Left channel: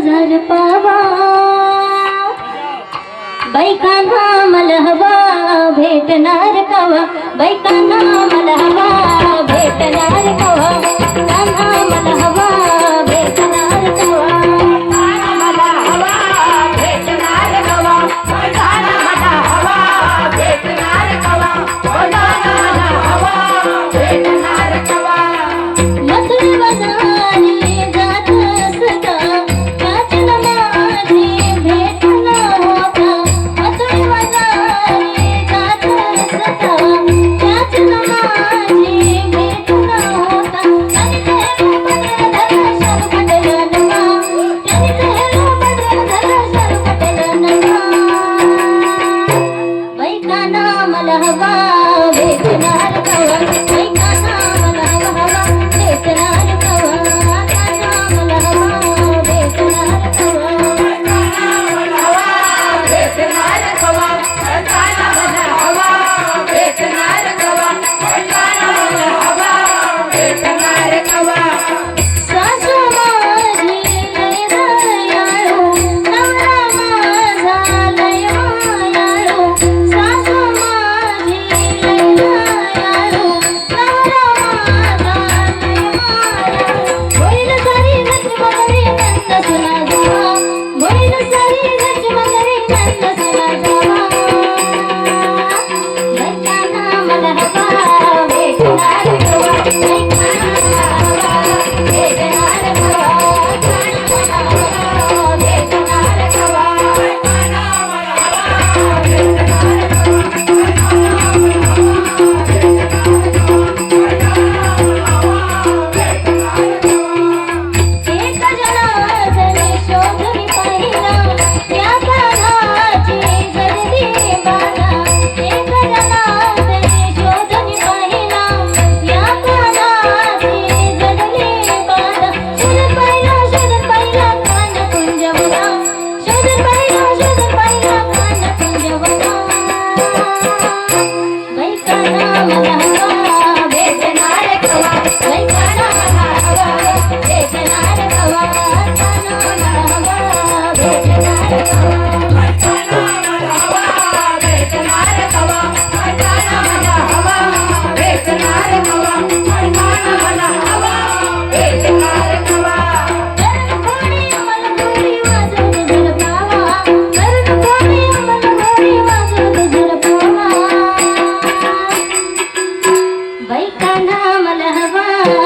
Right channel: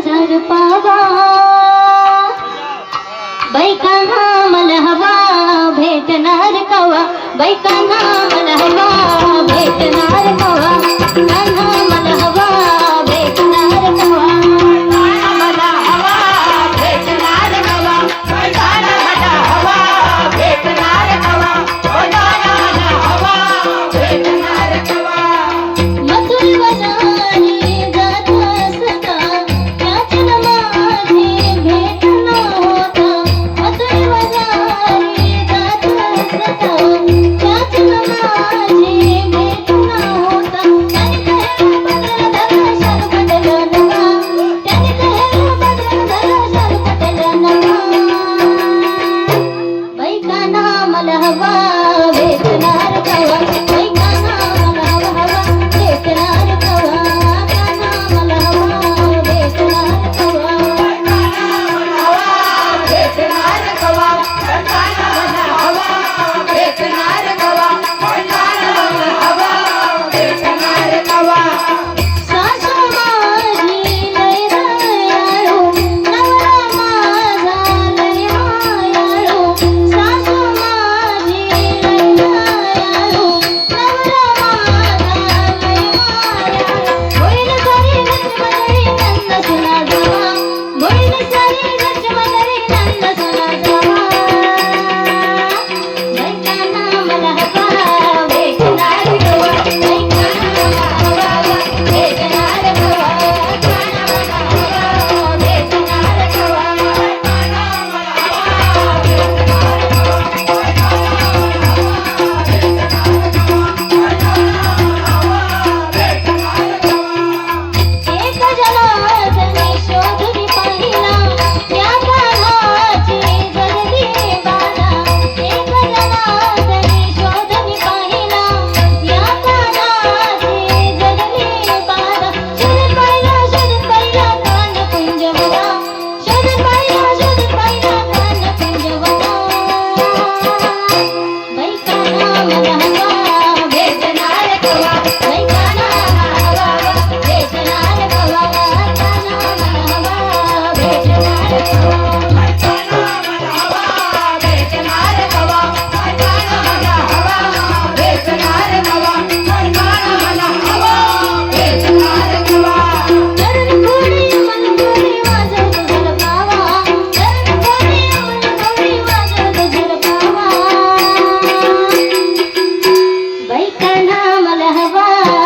झर पावा. बैकाना मला हवा भेटणार कवा? बैकाना मला हवा भेटणार कवा? Yeah. Thank you. रहमान